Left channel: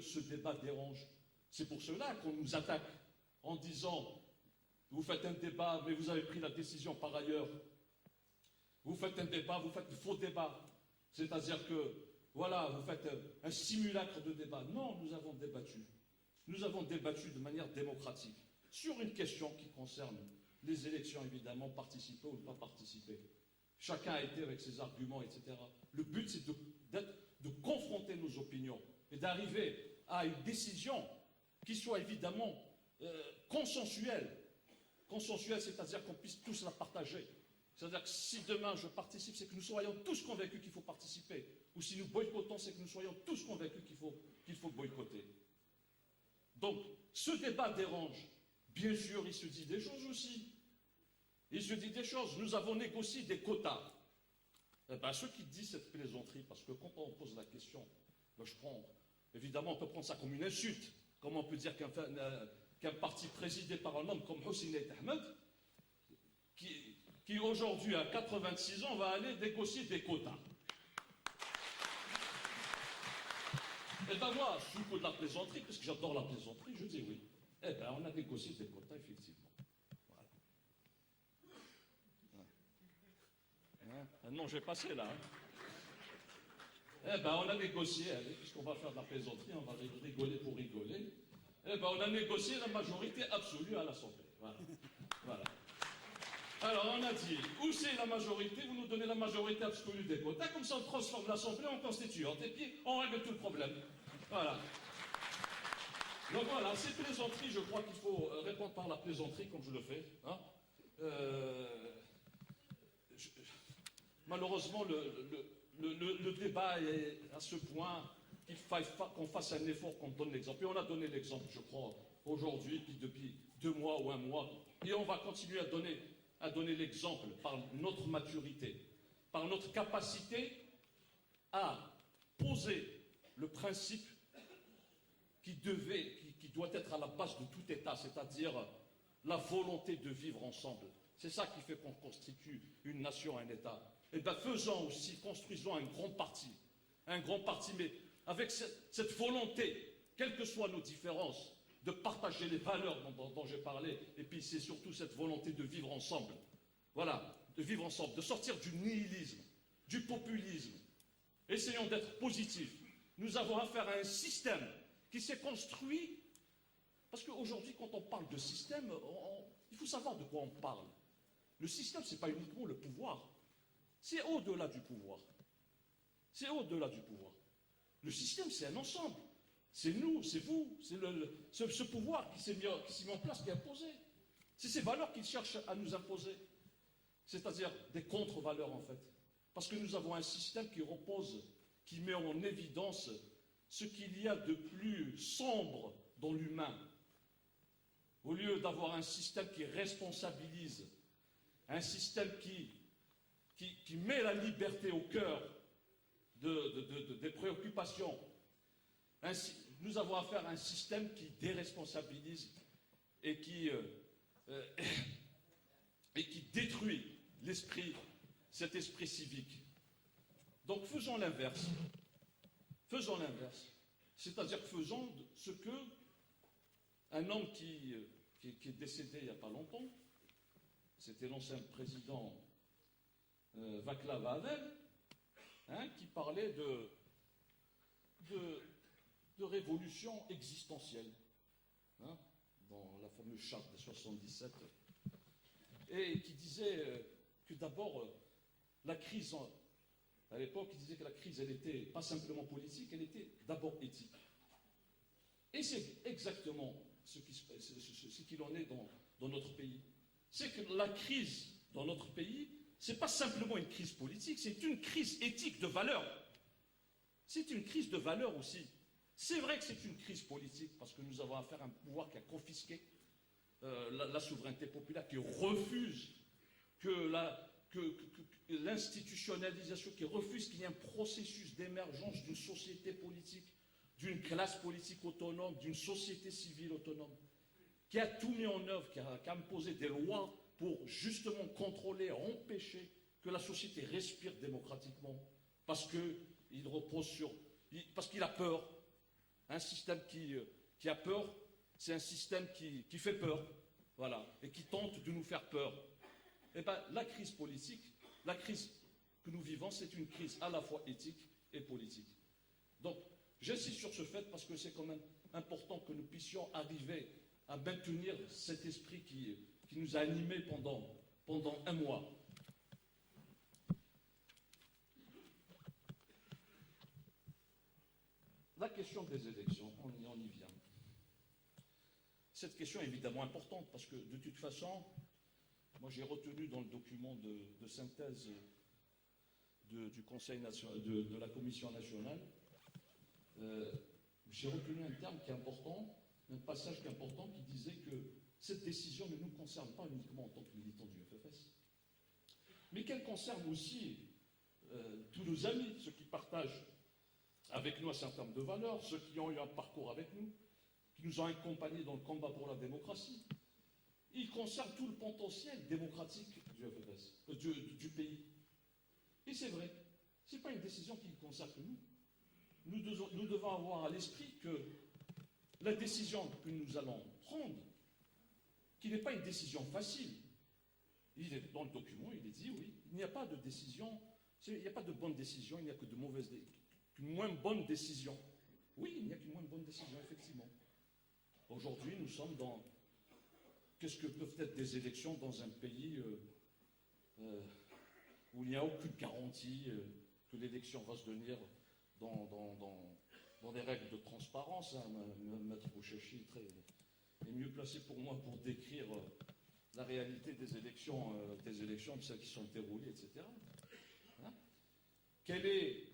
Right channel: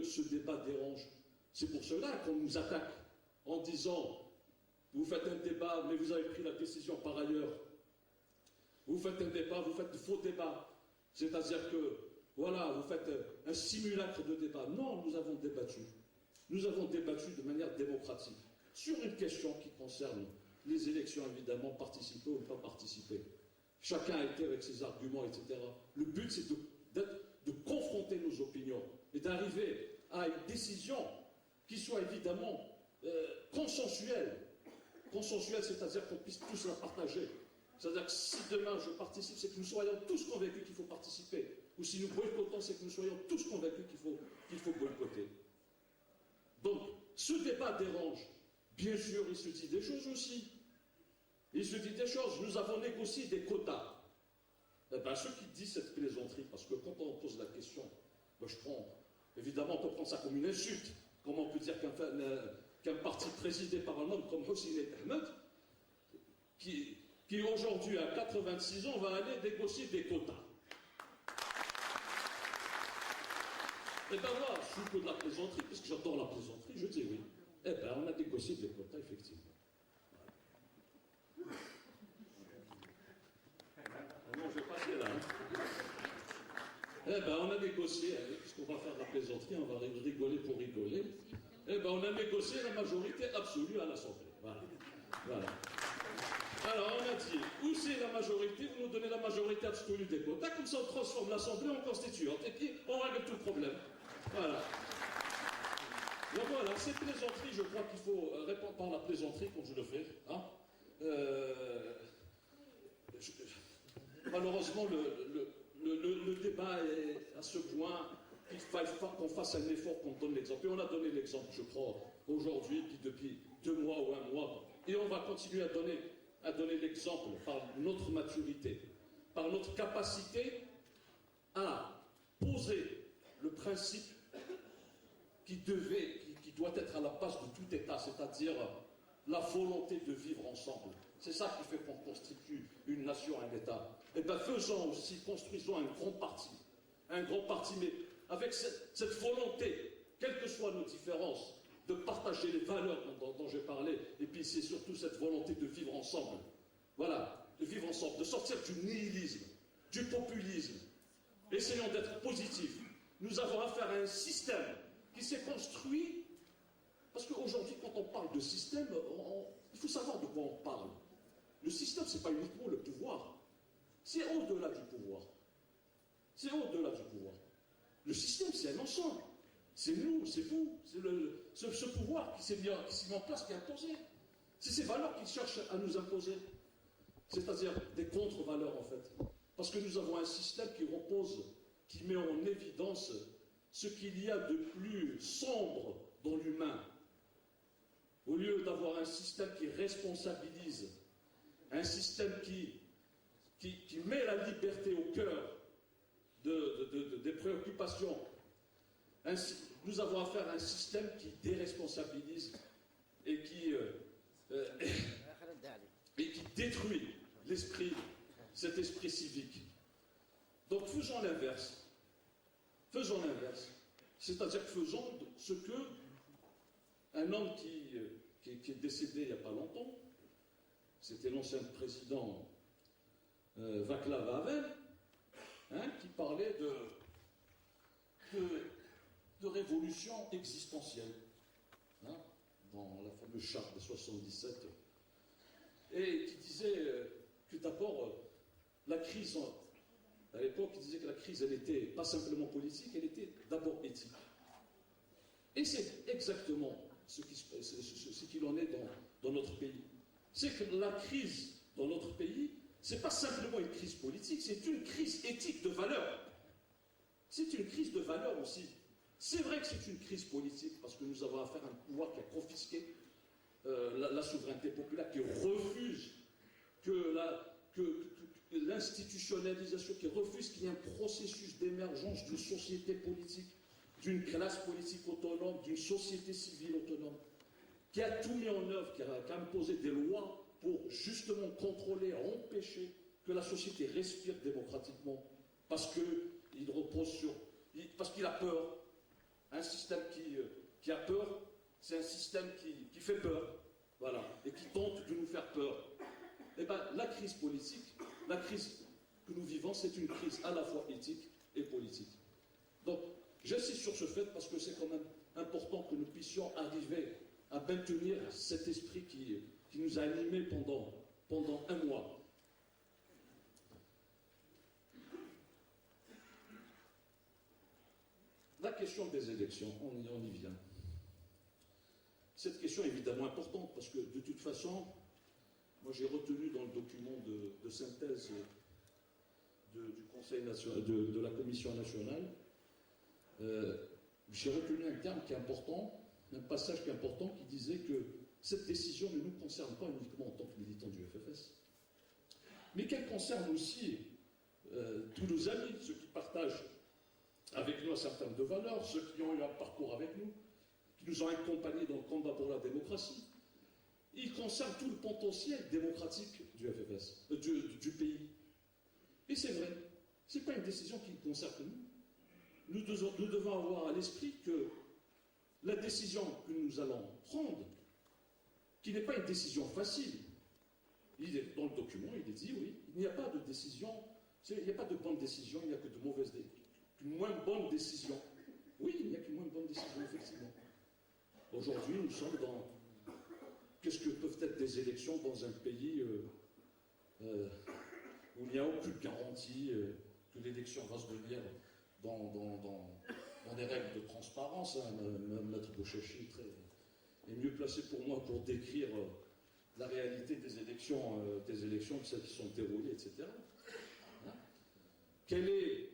que ce débat dérange. C'est pour cela qu'on nous attaque en disant « Vous faites un débat, mais vous avez pris la décision par ailleurs. Vous faites un débat, vous faites de faux débats. C'est-à-dire que, voilà, vous faites un simulacre de débat. » Non, nous avons débattu. Nous avons débattu de manière démocratique sur une question qui concerne les élections, évidemment, participer ou ne pas participer. Chacun a été avec ses arguments, etc. Le but, c'est de confronter nos opinions et d'arriver à une décision qui soit évidemment consensuelle. Consensuelle, c'est-à-dire qu'on puisse tous la partager. C'est-à-dire que si demain je participe, c'est que nous soyons tous convaincus qu'il faut participer. Ou si nous boycottons, c'est que nous soyons tous convaincus qu'il faut boycotter. Donc, ce débat dérange. Bien sûr, il se dit des choses aussi. Il se dit des choses. Nous avons négocié des quotas. Eh bien, ceux qui disent cette plaisanterie, parce que quand on pose la question, ben, évidemment, on peut prendre ça comme une insulte. Comment on peut dire qu'un parti présidé par un homme comme Hosseini Ahmed, qui aujourd'hui a 86 ans, va aller négocier des quotas. Eh bien moi, sous de la plaisanterie, parce que j'adore la plaisanterie, je dis oui. Eh bien, on a négocié des quotas, effectivement. Voilà. Ah non, je vais passer là. Hein. Eh bien, on a négocié, puisqu'on va faire la plaisanterie, on va rigoler pour rigoler. Eh bien, on a négocié la majorité absolue à l'Assemblée. Voilà. Voilà. Alors, on a dit, où c'est la majorité, vous nous donnez la majorité absolue des quotas, comme ça on transforme l'Assemblée en constituante, et puis on règle tout le problème. Voilà. Donc voilà, ces plaisanteries, je crois qu'il faut répondre par la plaisanterie, comme je le fais. Hein. Malheureusement, le débat est à ce point qu'il faut qu'on fasse un effort, qu'on donne l'exemple. Et on a donné l'exemple, je crois, aujourd'hui, puis depuis 2 mois ou 1 mois. Et on va continuer à donner l'exemple par notre maturité, par notre capacité à poser le principe qui doit être à la base de tout État, c'est-à-dire la volonté de vivre ensemble. C'est ça qui fait qu'on constitue une nation, un État. Et bien faisons aussi, construisons un grand parti, mais avec cette volonté, quelles que soient nos différences, de partager les valeurs dont j'ai parlé, et puis c'est surtout cette volonté de vivre ensemble. Voilà, de vivre ensemble, de sortir du nihilisme, du populisme. Essayons d'être positifs. Nous avons affaire à un système qui s'est construit, parce qu'aujourd'hui, quand on parle de système, il faut savoir de quoi on parle. Le système, ce n'est pas uniquement le pouvoir. C'est au-delà du pouvoir. C'est au-delà du pouvoir. Le système, c'est un ensemble. C'est nous, c'est vous, c'est ce pouvoir qui s'est mis en place, qui est imposé. C'est ces valeurs qu'il cherche à nous imposer. C'est-à-dire des contre-valeurs, en fait. Parce que nous avons un système qui met en évidence ce qu'il y a de plus sombre dans l'humain. Au lieu d'avoir un système qui responsabilise, un système qui met la liberté au cœur des préoccupations, nous avons affaire à un système qui déresponsabilise et qui détruit cet esprit civique. Donc faisons l'inverse. Faisons l'inverse. C'est-à-dire faisons ce que un homme qui est décédé il n'y a pas longtemps, c'était l'ancien président Václav Havel, hein, qui parlait de révolution existentielle, hein, dans la fameuse charte de 77, et qui disait que d'abord la crise, à l'époque, il disait que la crise, elle n'était pas simplement politique, elle était d'abord éthique. Et c'est exactement ce qu'il en est dans notre pays. C'est que la crise dans notre pays, ce n'est pas simplement une crise politique, c'est une crise éthique de valeur. C'est une crise de valeur aussi. C'est vrai que c'est une crise politique, parce que nous avons affaire à un pouvoir qui a confisqué la souveraineté populaire, qui refuse que l'institutionnalisation, qui refuse qu'il y ait un processus d'émergence d'une société politique, d'une classe politique autonome, d'une société civile autonome, qui a tout mis en œuvre, qui a imposé des lois pour justement contrôler, empêcher que la société respire démocratiquement, parce qu'il repose parce qu'il a peur. Un système c'est un système qui fait peur, voilà, et qui tente de nous faire peur. Eh bien, la crise politique, la crise que nous vivons, c'est une crise à la fois éthique et politique. Donc, j'insiste sur ce fait parce que c'est quand même important que nous puissions arriver à maintenir cet esprit qui nous a animés pendant un mois. La question des élections, on y vient. Cette question est évidemment importante parce que de toute façon, moi j'ai retenu dans le document de synthèse du Conseil national, de la Commission nationale, j'ai retenu un terme qui est important, un passage qui est important qui disait que cette décision ne nous concerne pas uniquement en tant que militants du FFS, mais qu'elle concerne aussi tous nos amis, ceux qui partagent avec nous un certain nombre de valeurs, ceux qui ont eu un parcours avec nous, qui nous ont accompagnés dans le combat pour la démocratie. Il concerne tout le potentiel démocratique du FFS, du pays. Et c'est vrai, ce n'est pas une décision qui concerne nous. Nous devons avoir à l'esprit que la décision que nous allons prendre, qui n'est pas une décision facile, il est dans le document, il est dit, oui, il n'y a pas de décision, il n'y a pas de bonne décision, il n'y a que de mauvaises décisions. Une moins bonne décision. Oui, il n'y a qu'une moins bonne décision, effectivement. Aujourd'hui, nous sommes dans... Qu'est-ce que peuvent être des élections dans un pays où il n'y a aucune garantie que l'élection va se tenir dans des règles de transparence, hein. Mme Bouchachi est mieux placée pour moi pour décrire la réalité des élections, celles qui sont déroulées, etc. Hein? Quel est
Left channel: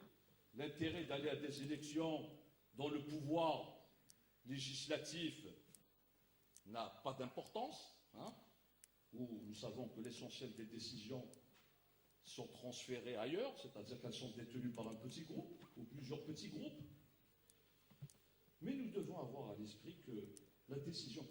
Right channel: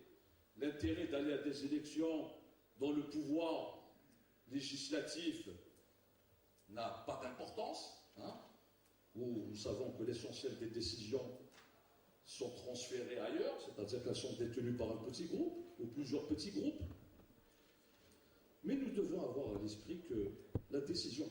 l'intérêt d'aller à des élections dont le pouvoir législatif n'a pas d'importance, hein, où nous savons que l'essentiel des décisions sont transférées ailleurs, c'est-à-dire qu'elles sont détenues par un petit groupe ou plusieurs petits groupes. Mais nous devons avoir à l'esprit que la décision